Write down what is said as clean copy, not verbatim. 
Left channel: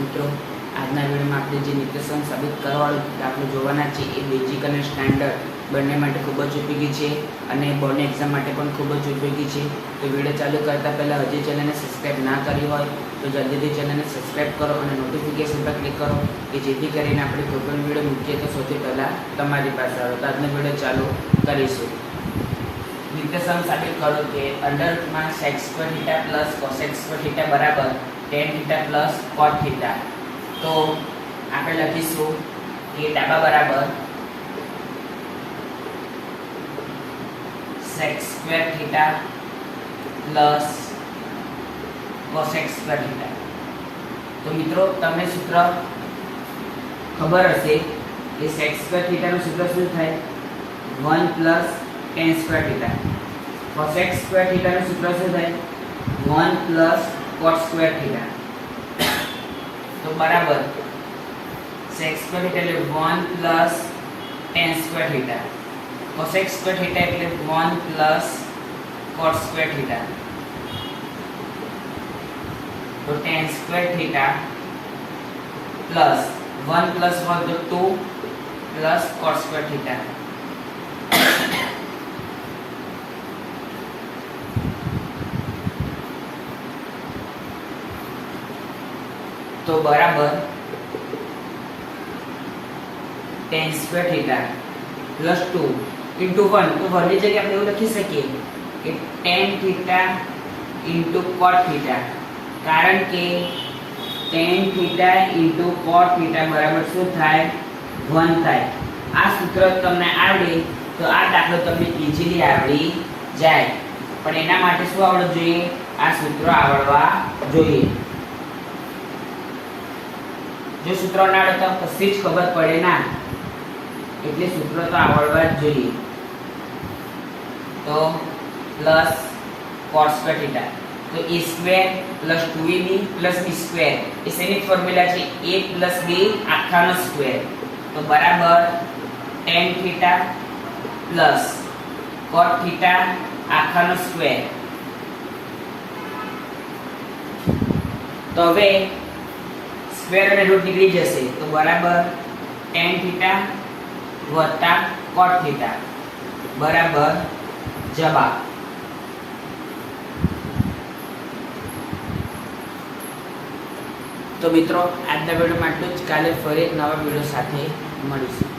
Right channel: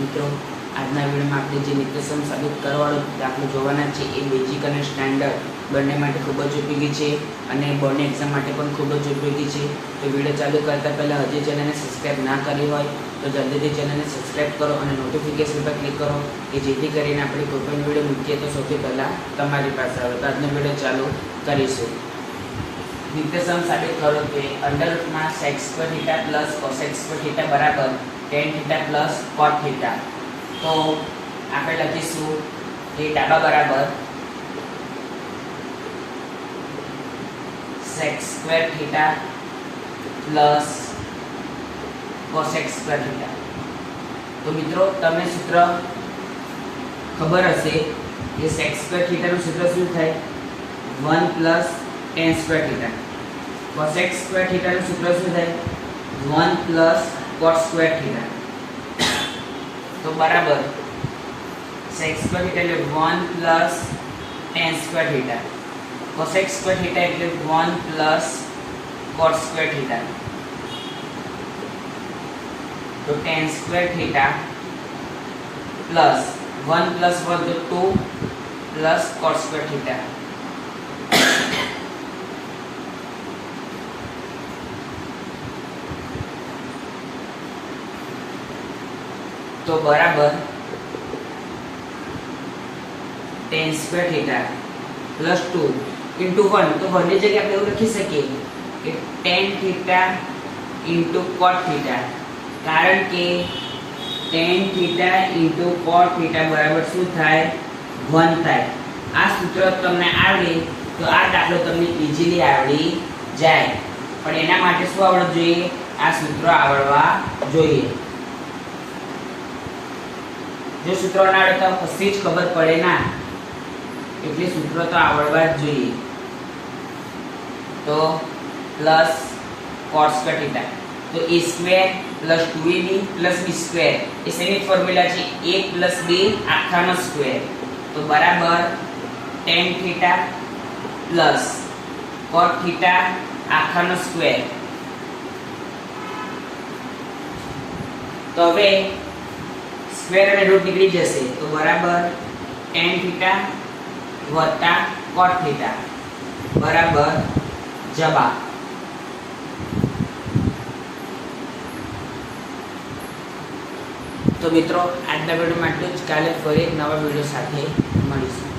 મિત્રો આજના વિડીયોમાં આપણે જે નિત્યસમ સાબિત કરવાવાળો દાખલો જોવાના છે એ બેઝિક અને સ્ટાન્ડર્ડ બંને માટે ખૂબ જ ઉપયોગી છે અને બોર્ડની એક્ઝામ માટે પણ ખૂબ જ ઉપયોગી છે. તો વિડીયો ચાલુ કરતાં પહેલાં હજી ચેનલને સબસ્ક્રાઈબ ના કરી હોય તો જલ્દીથી ચેનલને સબસ્ક્રાઈબ કરો અને નોટિફિકેશન પર ક્લિક કરો કે જેથી કરીને આપણે કોઈ પણ વિડીયો મૂકીએ તો સૌથી પહેલાં તમારી પાસે આવે. તો આજનો વિડીયો ચાલુ કરીશું. નિત્યસમ સાબિત કરો કે under sec square theta plus cosec square theta બરાબર tan theta plus cot theta. તો આપણે લખીશું કે ડાબા બરાબર sec square theta plus cosec square theta. તો મિત્રો તમને સૂત્ર ખબર હશે કે સેક સ્ક્વેર થીટાનું સૂત્ર શું થાય? 1 plus tan square theta. Cosec square થીટાનું સૂત્ર શું થાય? 1 પ્લસ કોટ સ્ક્વેર થીટા. તો બરાબર સેક સ્ક્વેર થીટા એટલે 1 plus tan square theta. Cosec square theta એટલે 1 પ્લસ કોટ સ્ક્વેર થીટા. તો ten square theta plus 1 plus 1 તો 2 પ્લસ કોટ સ્ક્વેર થીટા. તો બરાબર ten square theta plus 2 into 1. તો બધી જગ્યાએ આપણે એવું લખી શકીએ કે ટેન થીટા ઇન્ટુ કોટ થીટા, કારણ કે ટેન થીટા ઇન્ટુ કોટ થીટા બરાબર શું થાય? 1 થાય. આ સૂત્ર તમને આવડે તો આ દાખલો તમને ઇઝીલી આવડી જાય. પણ એના માટે શું આવડવું જોઈએ? આ સૂત્ર આવડવા જોઈએ. જો સૂત્રો ના આવડે તો કશી જ ખબર પડે ના, એટલે સૂત્રો તો આવડવા જ જોઈએ. તો પ્લસ કોટ સ્ક્વેર થીટા, તો a square plus 2ab plus b square એ સેમી ફોર્મ્યુલા છે. a પ્લસ b આખાનો સ્ક્વેર. તો બરાબર tan theta plus cot theta આખાનો સ્ક્વેર. તો હવે સ્ક્વેર અને રૂટ નીકળી જશે. તો બરાબર tan થીટા વત્તા કોટ થીટા બરાબર જવાબ. તો મિત્રો આજના વિડીયોમાં આટલું જ. કાલે ફરી એક નવા વિડીયો સાથે મળીશું.